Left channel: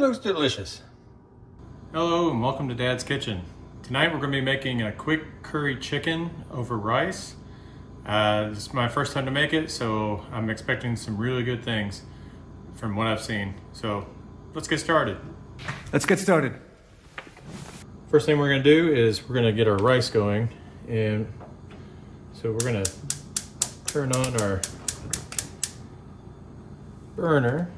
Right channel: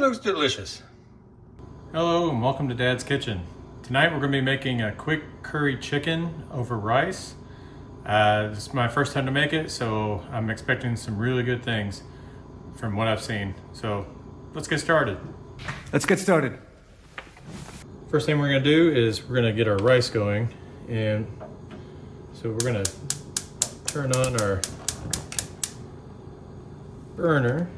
looks delicious. Hello and welcome to Dad's Kitchen. Tonight we're going to be making a quick curry chicken over rice. This is my first time to make it, so I'm expecting some really good things from what I've seen. So let's get started. Let's get started. First thing we're going to do is we're going to get our rice going, and so we're going to turn on our burner,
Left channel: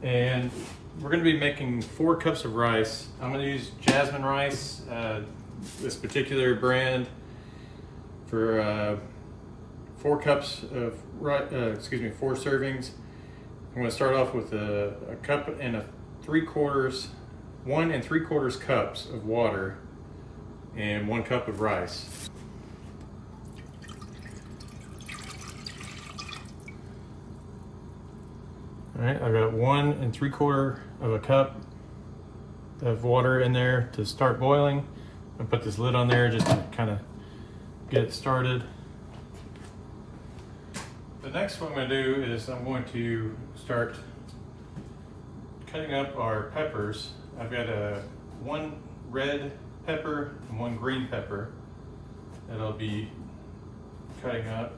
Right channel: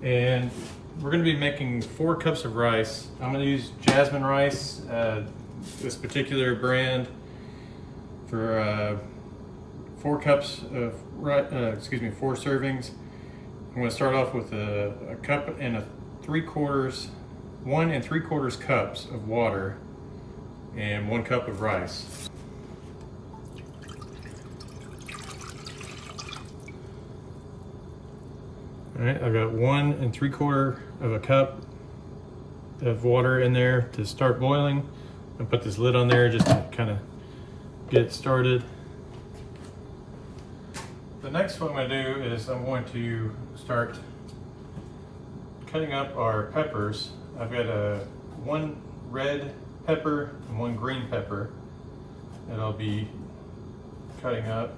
and we're going to be making 4 cups of rice. I'm going to use Jasmine rice, this particular brand, for 4 cups of 4 servings. I'm going to start off with a cup and 1 3/4 cups of water and 1 cup of rice. All right, I've got 1 3/4 cup of water in there to start boiling. I'll put this lid on there just to kind of get it started. The next what I'm going to do is I'm going to start cutting up our peppers. I've got 1 red pepper and 1 green pepper that I'll be cutting up.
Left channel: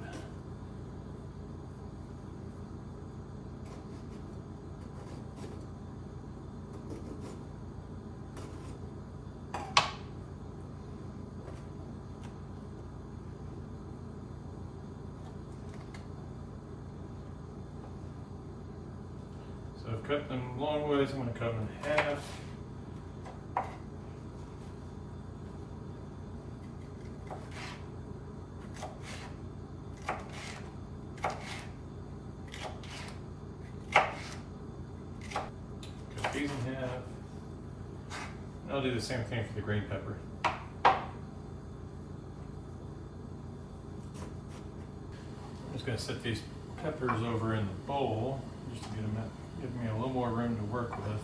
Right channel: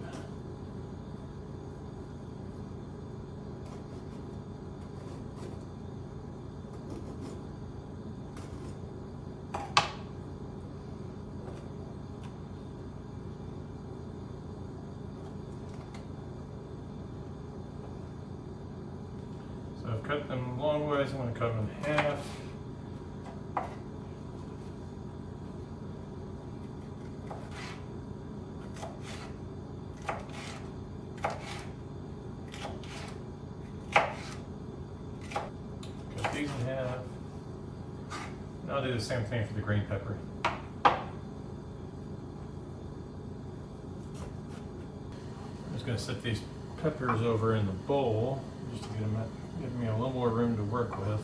So I've cut them long ways. I'm going to cut them in half. Cut these in half. I'll do the same thing for the green pepper. I'm just going to set these peppers over in the bowl just to give me a little more room to work with.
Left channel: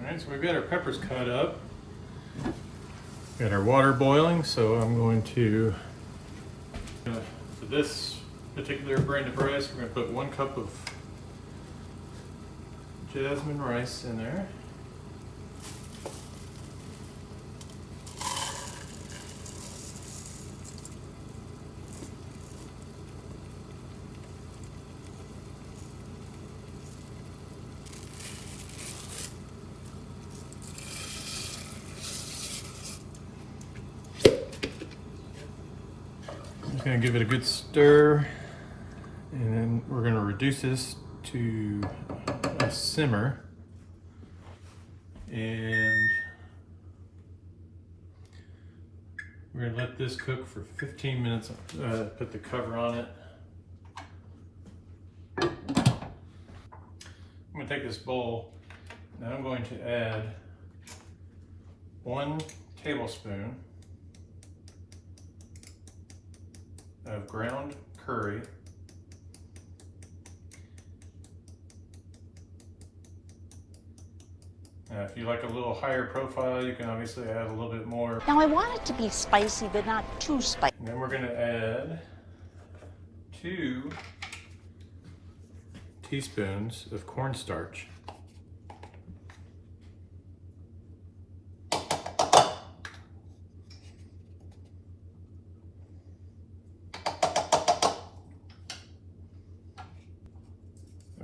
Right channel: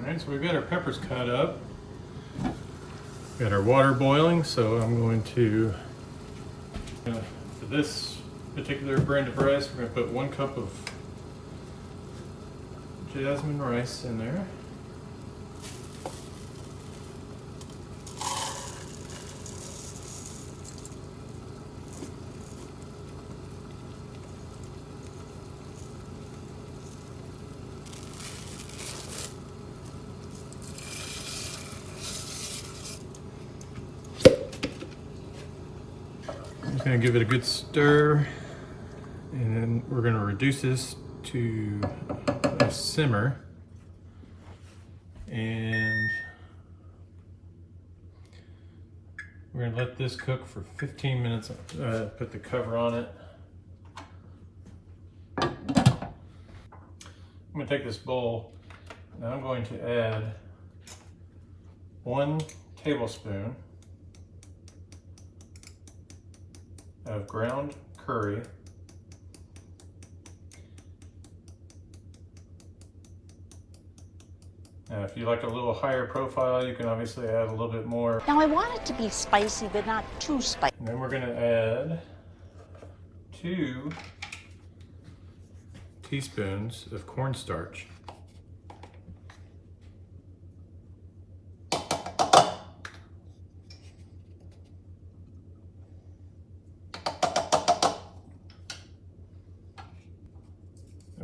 Alright, so we've got our peppers cut up. Got our water boiling, so I'm going to, for this particular brand of rice, we're going to put 1 cup of Jasmine rice in there. Going to give it a good stir, and then we're going to reduce this to a simmer, and we're going to let this cook for 15 minutes. Put the cover on it. I'm going to take this bowl, and I'm going to add 1 tablespoon of ground curry, now if you like a little higher profile, you can obviously add a little bit more. Now I want it to be spicy, but not too spicy. And then we're going to add 2 teaspoons of cornstarch.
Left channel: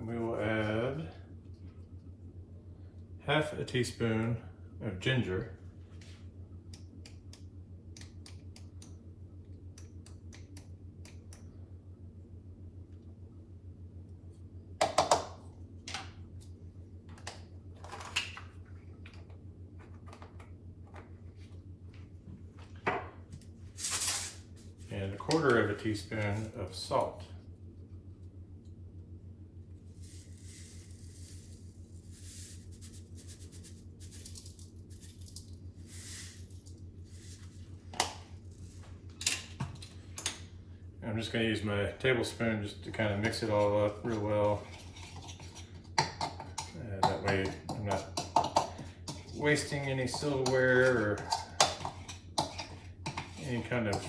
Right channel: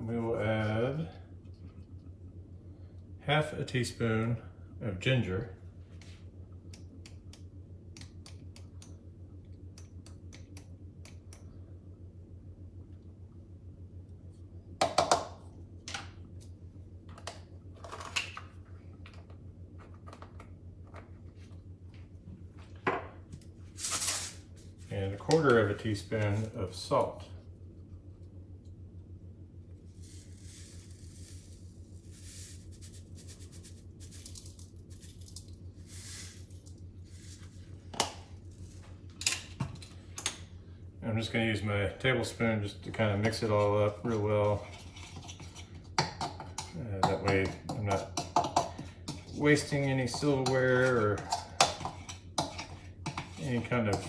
We will add 1/2 teaspoon of ginger, 1/4 of a teaspoon of salt. I'm just going to use my tablespoon just to kind of mix it all up real well. That way I'm not wasting any silverware or any kind of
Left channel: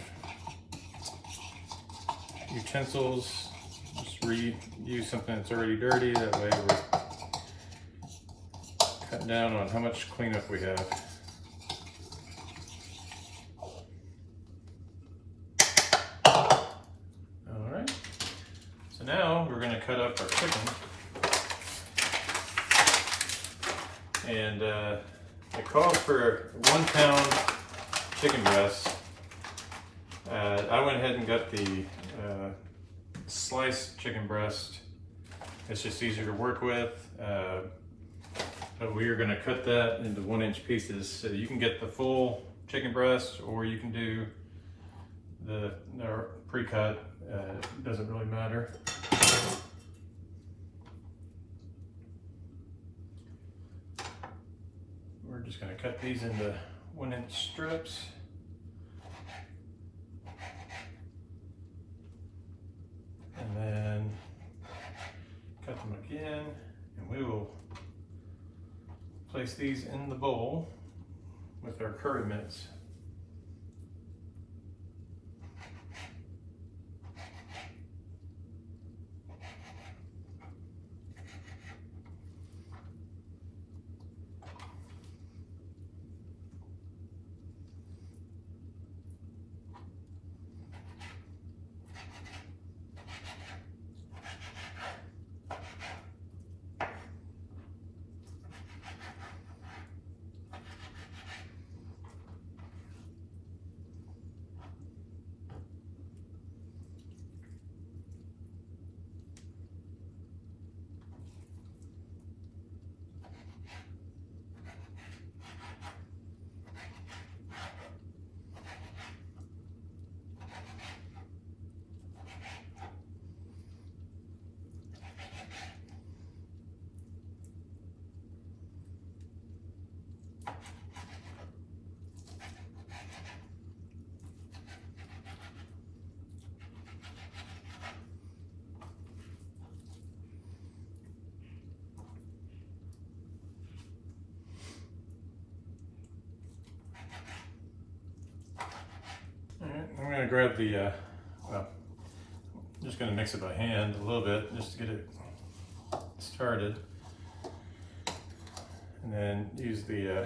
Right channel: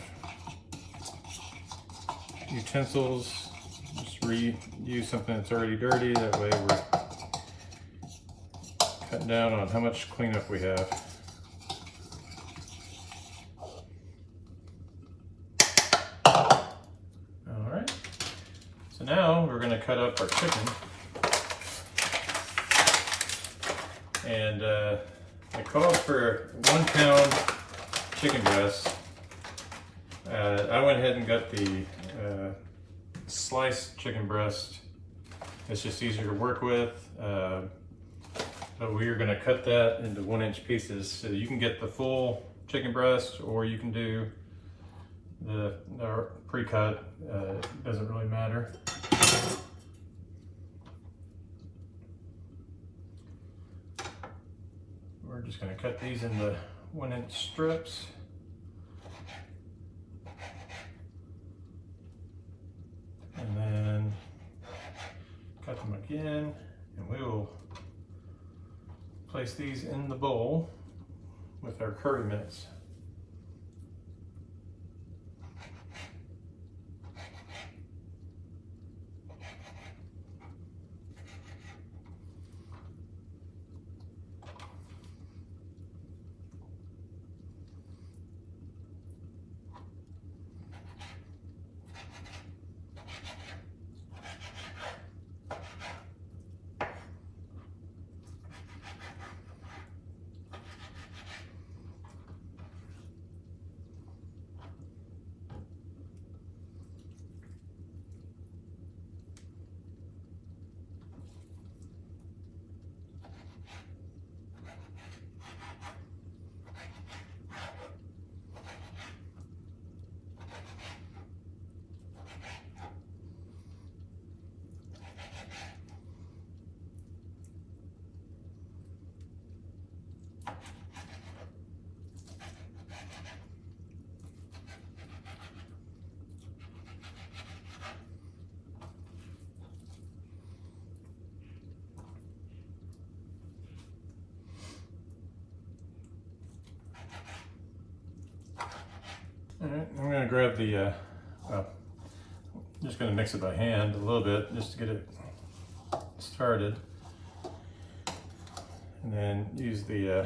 utensils. Just reuse something that's already dirty. That way we're cutting down on how much cleanup we have. Alright, so now we're going to cut up our chicken. And it calls for 1 pound chicken breast. I went ahead and got the sliced chicken breast. It's just easier to work with. But we are going to cut that into 1-inch pieces. So you can get the full chicken breast, or you can do the pre-cut. It doesn't really matter. We're just going to cut these into 1-inch strips. And then cut them again, and we will place these in the bowl with our curry mix. Alright, I'm going to grab the, just going to mix it by hand a little bit just to get it started. And then use the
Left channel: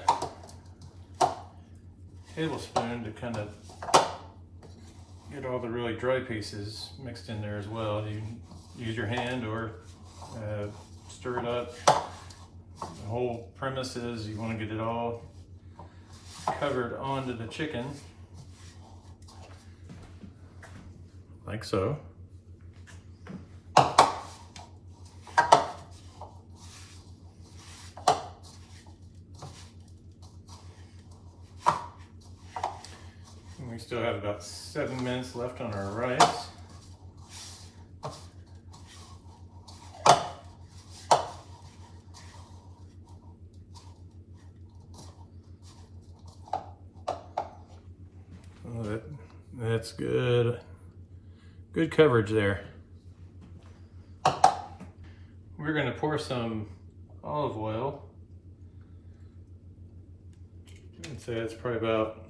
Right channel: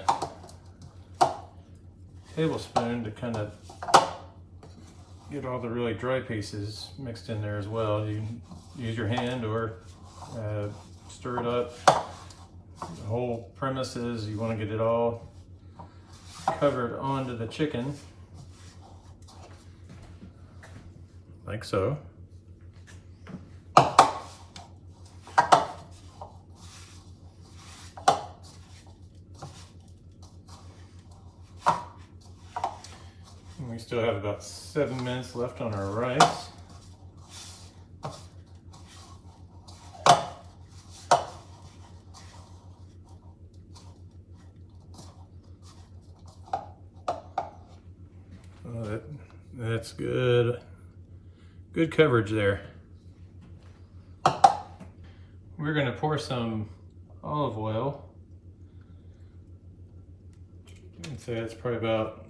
tablespoon to kind of get all the really dry pieces mixed in there as well. You can use your hand or stir it up. The whole premise is you want to get it all covered onto the chicken, like so. And we still have about 7 minutes left on our rice. Oh, that's good. Good coverage there. We're going to pour some olive oil. I'd say it's probably about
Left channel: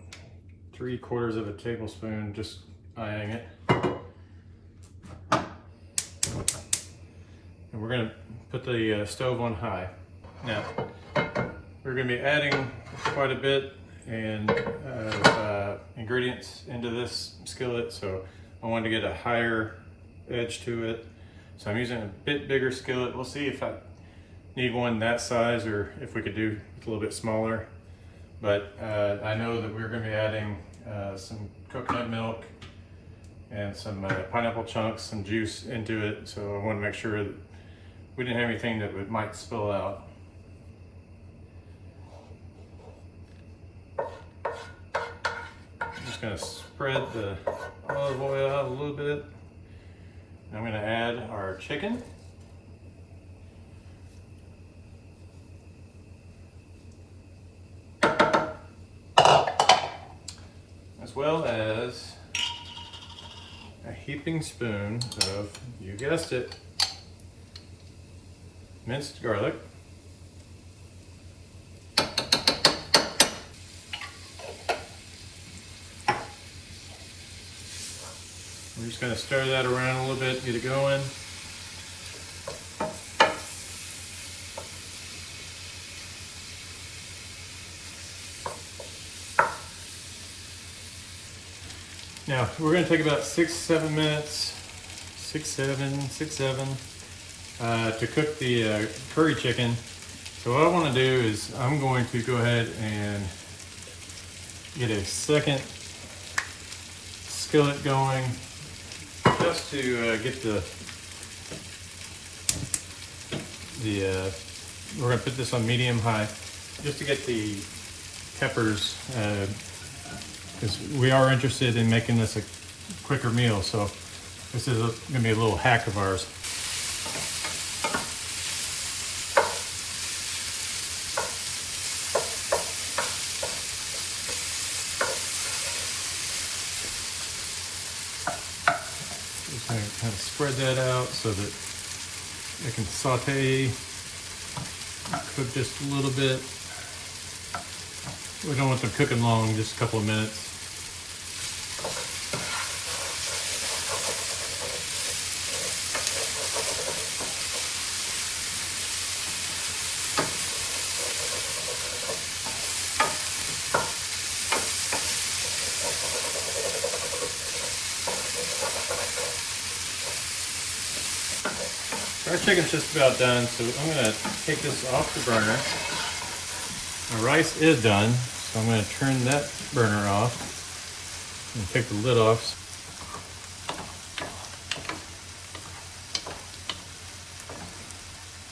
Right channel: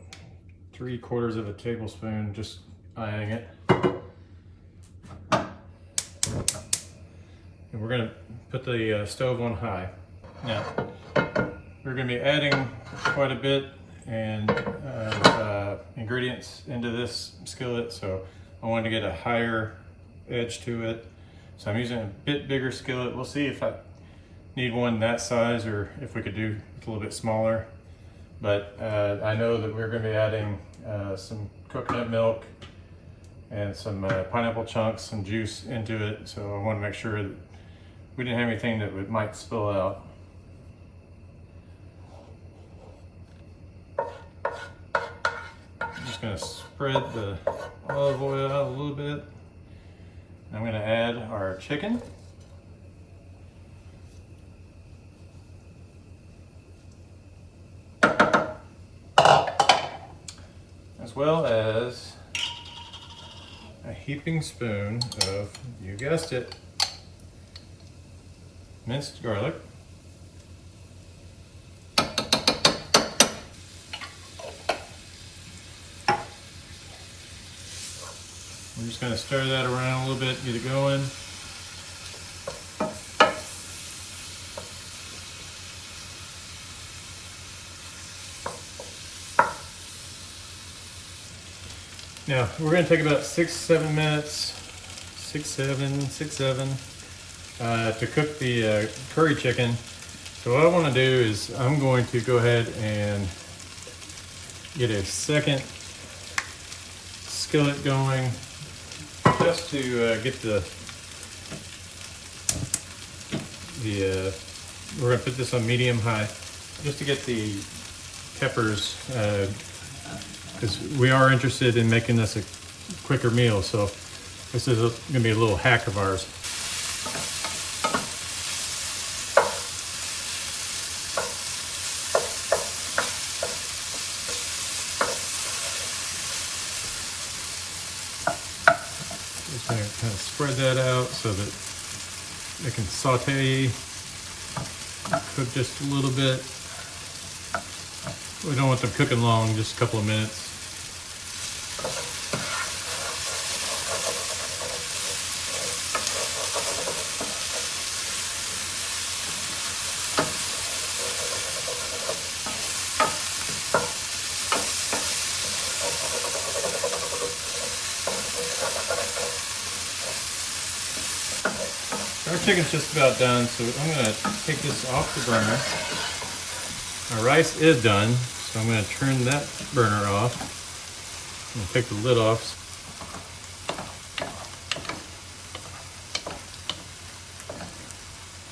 3/4 of a tablespoon, just eyeing it. And we're going to put the stove on high. Now, we're going to be adding quite a bit and ingredients into this skillet, so I wanted to get a higher edge to it. So I'm using a bit bigger skillet. We'll see if I need one that size or if we could do it a little bit smaller. But I know that we're going to be adding some coconut milk and some pineapple chunks, some juice into it. So I want to make sure that we didn't have anything that might spill out. I'm just going to spread the olive oil out a little bit. I'm going to add our chicken. As well as a heaping spoon of, you guessed it, minced garlic. We're just going to stir that around a little bit, get it going. Now, we're going to take about 6-7 minutes, 6-7, to cook the curry chicken. So what I want to do is I'm going to go ahead and get a second skillet going just to get we're going to put this on medium high just to get the peppers, because we are interested in making this a quicker meal, so this is going to be a little hack of ours. Just going to kind of spread that out so that it can saute, cook just a little bit. We don't want them cooking long, just a couple of minutes. Our chicken's just about done, so I'm going to take this off the burner. Our rice is done, so I'm going to turn that burner off and take the lid off.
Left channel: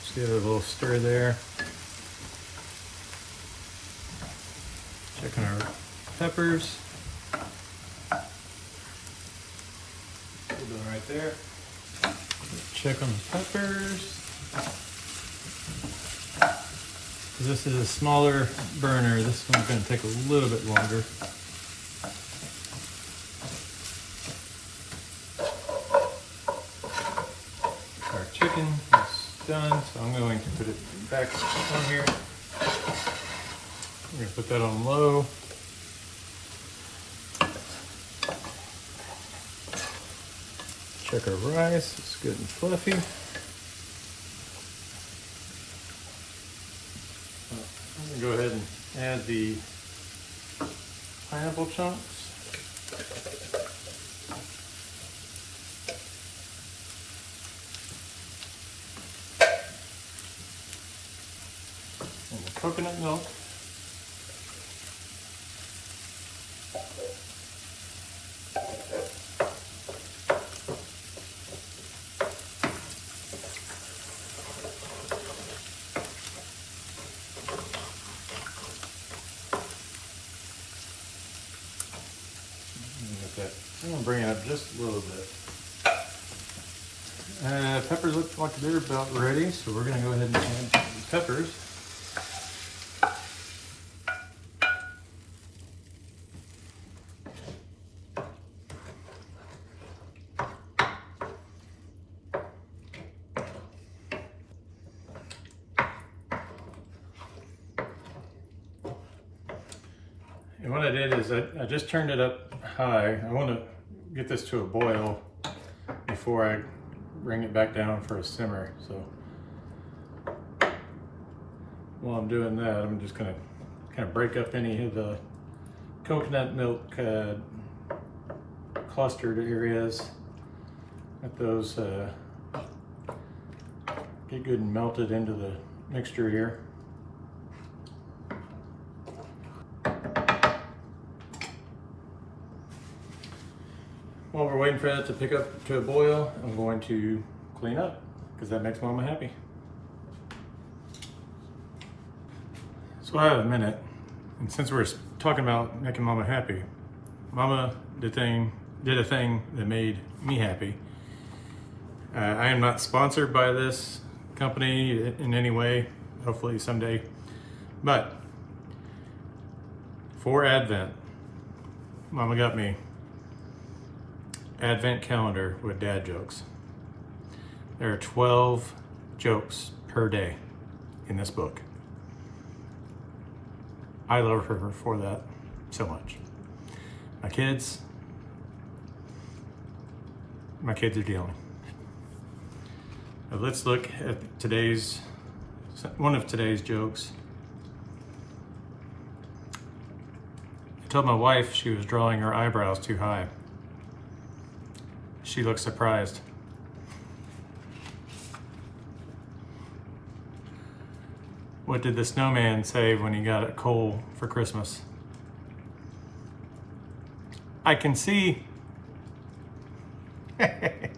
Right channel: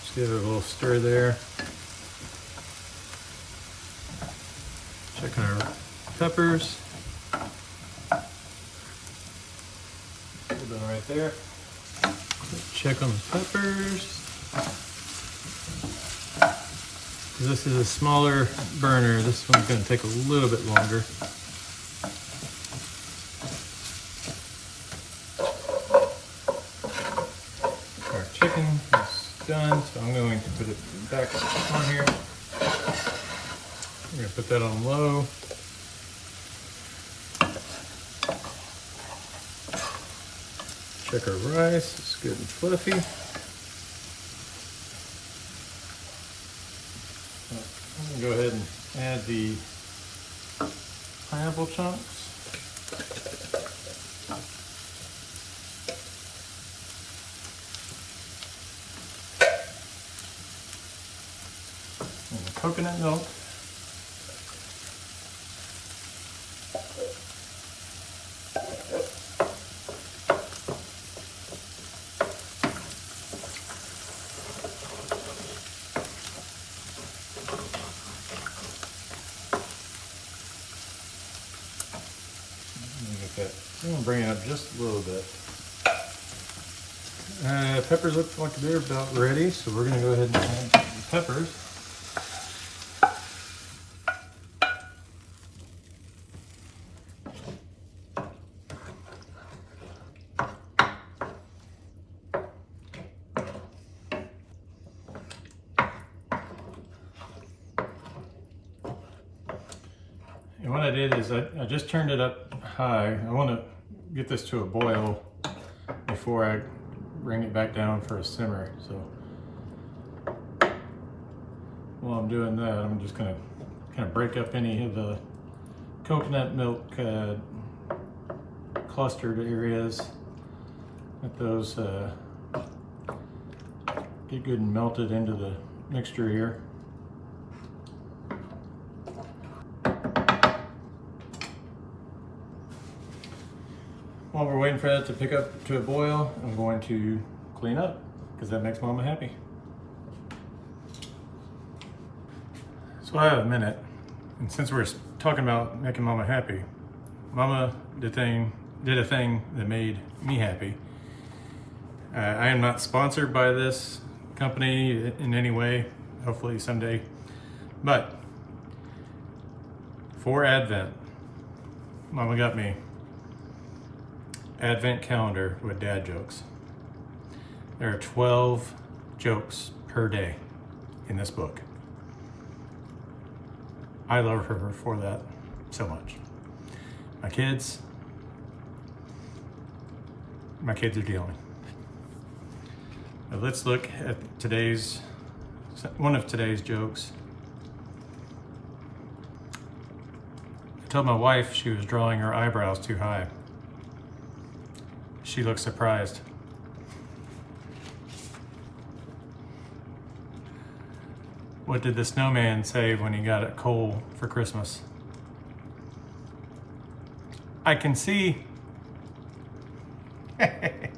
Just give it a little stir there. Checking our peppers. Put them right there. Check on the peppers. This is a smaller burner. This one's going to take a little bit longer. Our chicken is done, so I'm going to put it back on here. I'm going to put that on low. Check our rice. It's good and fluffy. I'm going to go ahead and add the pineapple chunks. And the coconut milk. I'm going to bring it up just a little bit. Peppers look like they're about ready, so we're going to go ahead and add the peppers. And what I did is I just turned it up high. I want to get this to a boil before I bring it back down for a simmer. So while I'm doing that, I'm just going to kind of break up any of the coconut milk clustered areas. Let those get good and melted into the mixture here. While we're waiting for that to pick up to a boil, I'm going to clean up because that makes Mama happy. So I have a minute, and since we're talking about making Mama happy, Mama did the thing did a thing that made me happy. I am not sponsored by this company in any way, hopefully someday, but for Advent, Mama got me Advent calendar with dad jokes. There are 12 jokes per day in this book. I love her for that so much. My kids are dealing. But let's look at one of today's jokes. I told my wife she was drawing her eyebrows too high. She looked surprised. What did the snowman say when he got a coal for Christmas? I can see. Alright,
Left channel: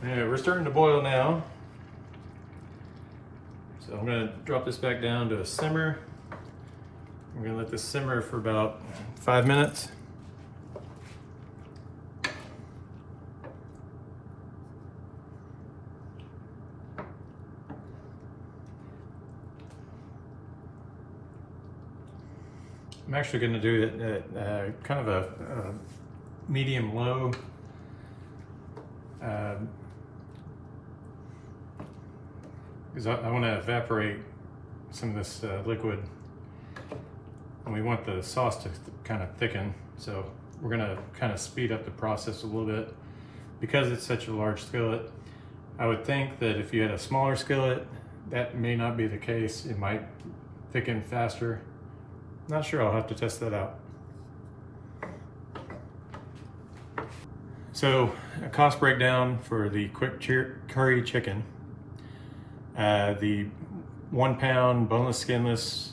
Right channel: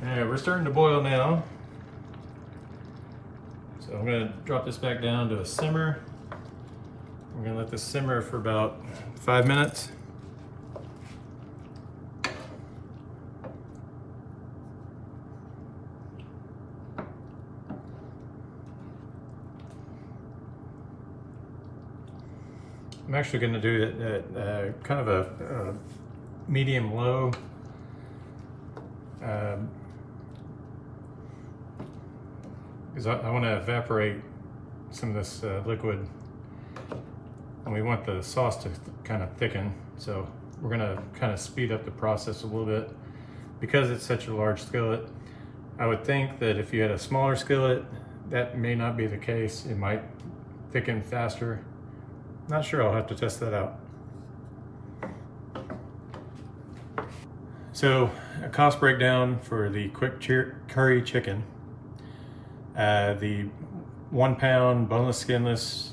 we're starting to boil now. So I'm gonna drop this back down to a simmer. We're gonna let this simmer for about 5 minutes. I'm actually going to do it at kind of a medium low. Because I want to evaporate some of this liquid, and we want the sauce to kind of thicken. So we're going to kind of speed up the process a little bit. Because it's such a large skillet, I would think that if you had a smaller skillet, that may not be the case. It might thicken faster. Not sure, I'll have to test that out. So, a cost breakdown for the quick curry chicken. The 1 pound boneless, skinless,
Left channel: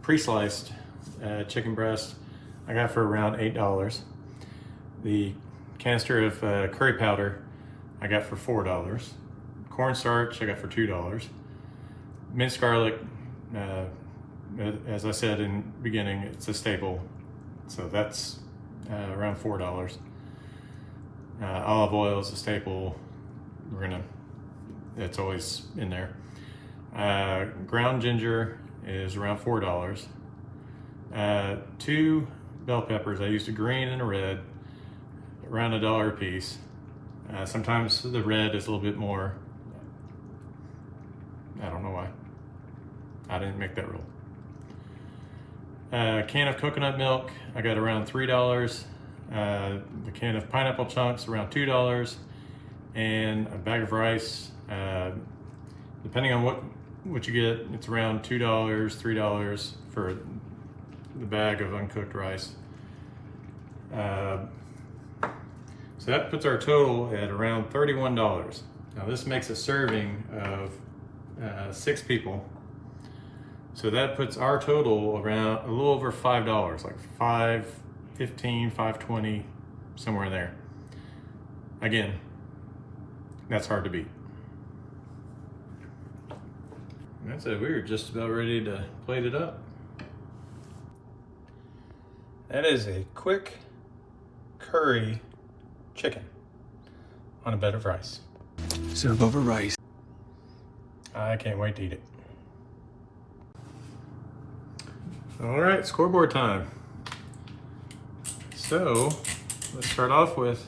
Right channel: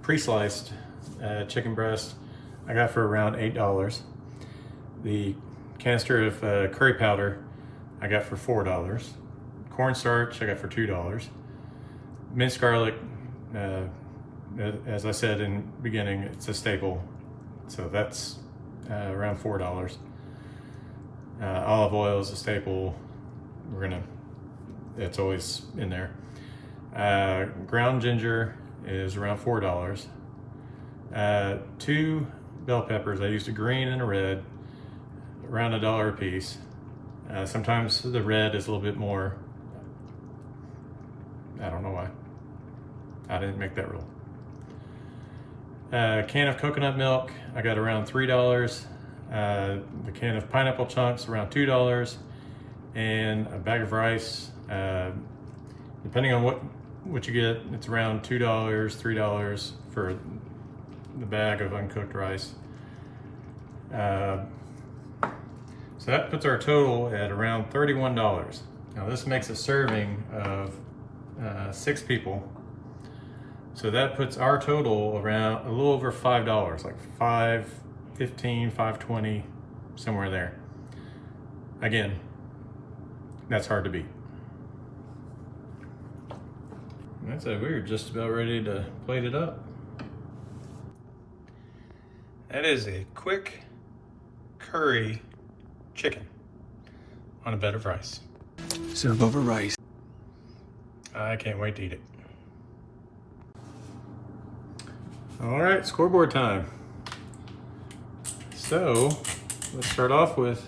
pre-sliced chicken breast I got for around $8. The canister of curry powder I got for $4. Cornstarch I got for $2. Minced garlic, as I said in the beginning, it's a staple, so that's around $4. Olive oil is a staple. It's always in there. Ground ginger is around $4. 2 bell peppers, I used a green and a red, around $1 a piece. Sometimes the red is a little bit more. I don't know why. I didn't make that rule. A can of coconut milk, I got around $3. The can of pineapple chunks, around $2. And a bag of rice, depending on what you get, it's around $2, $3 for the bag of uncooked rice. So that puts our total at around $31. Now this makes a serving of 6 people. So that puts our total around a little over $5, like $5.15, $5.20, somewhere there. Again, that's hard to beat. That's it, we were just about ready to plate it up. That is a quick curry chicken on a bed of rice. Serve over rice. I can't wait to eat it. All right, scoreboard time. So let's start off with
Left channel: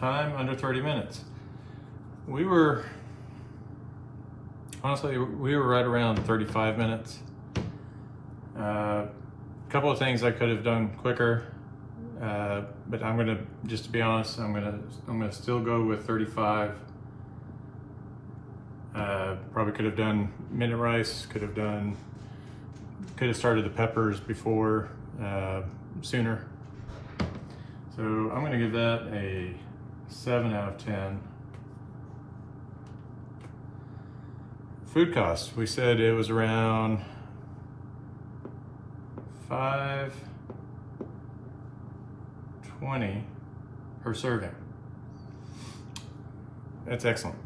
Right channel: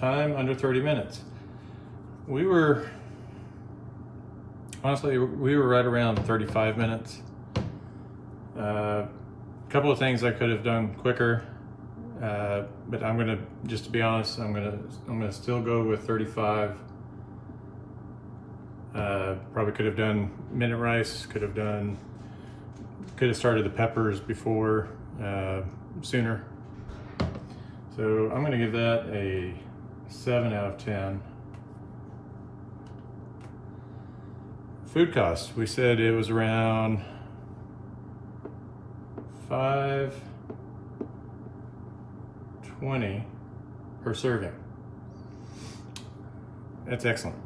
time under 30 minutes. Honestly, we were right around 35 minutes. A couple of things I could have done quicker, but I'm gonna, just to be honest, I'm gonna still go with 35. Probably could have done minute rice, could have started the peppers before, sooner. So I'm gonna give that a 7 out of 10. Food cost, we said it was around $5.20 per serving. That's excellent.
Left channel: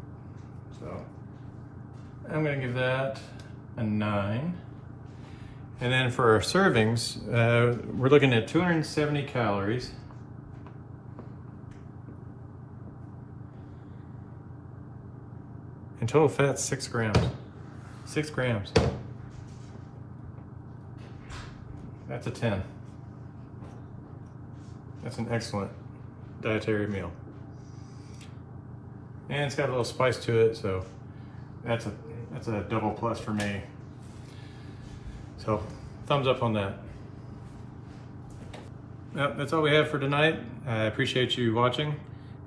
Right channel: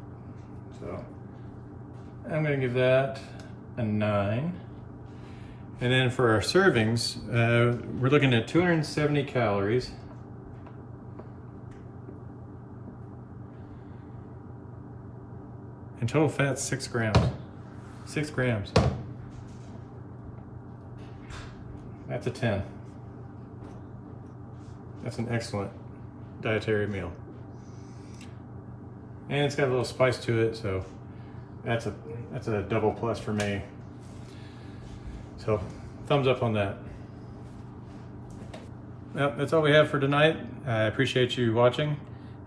So I'm gonna give that a 9. And then for our servings, we're looking at 270 calories. And total fat, 6 grams. 6 grams. That's a 10. That's an excellent dietary meal. And it's got a little spice to it, so that's a double plus for me. So thumbs up on that. Well, that's all we have for tonight. I appreciate you watching.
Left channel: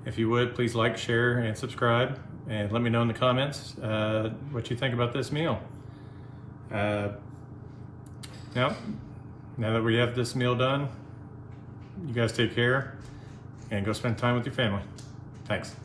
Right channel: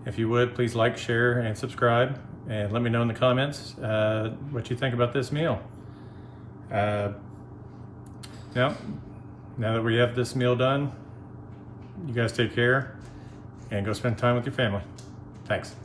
If you would, please like, share, and subscribe. And let me know in the comments what you think about this meal. Now that we have this meal done, you guys take care and go spend time with your family. Thanks.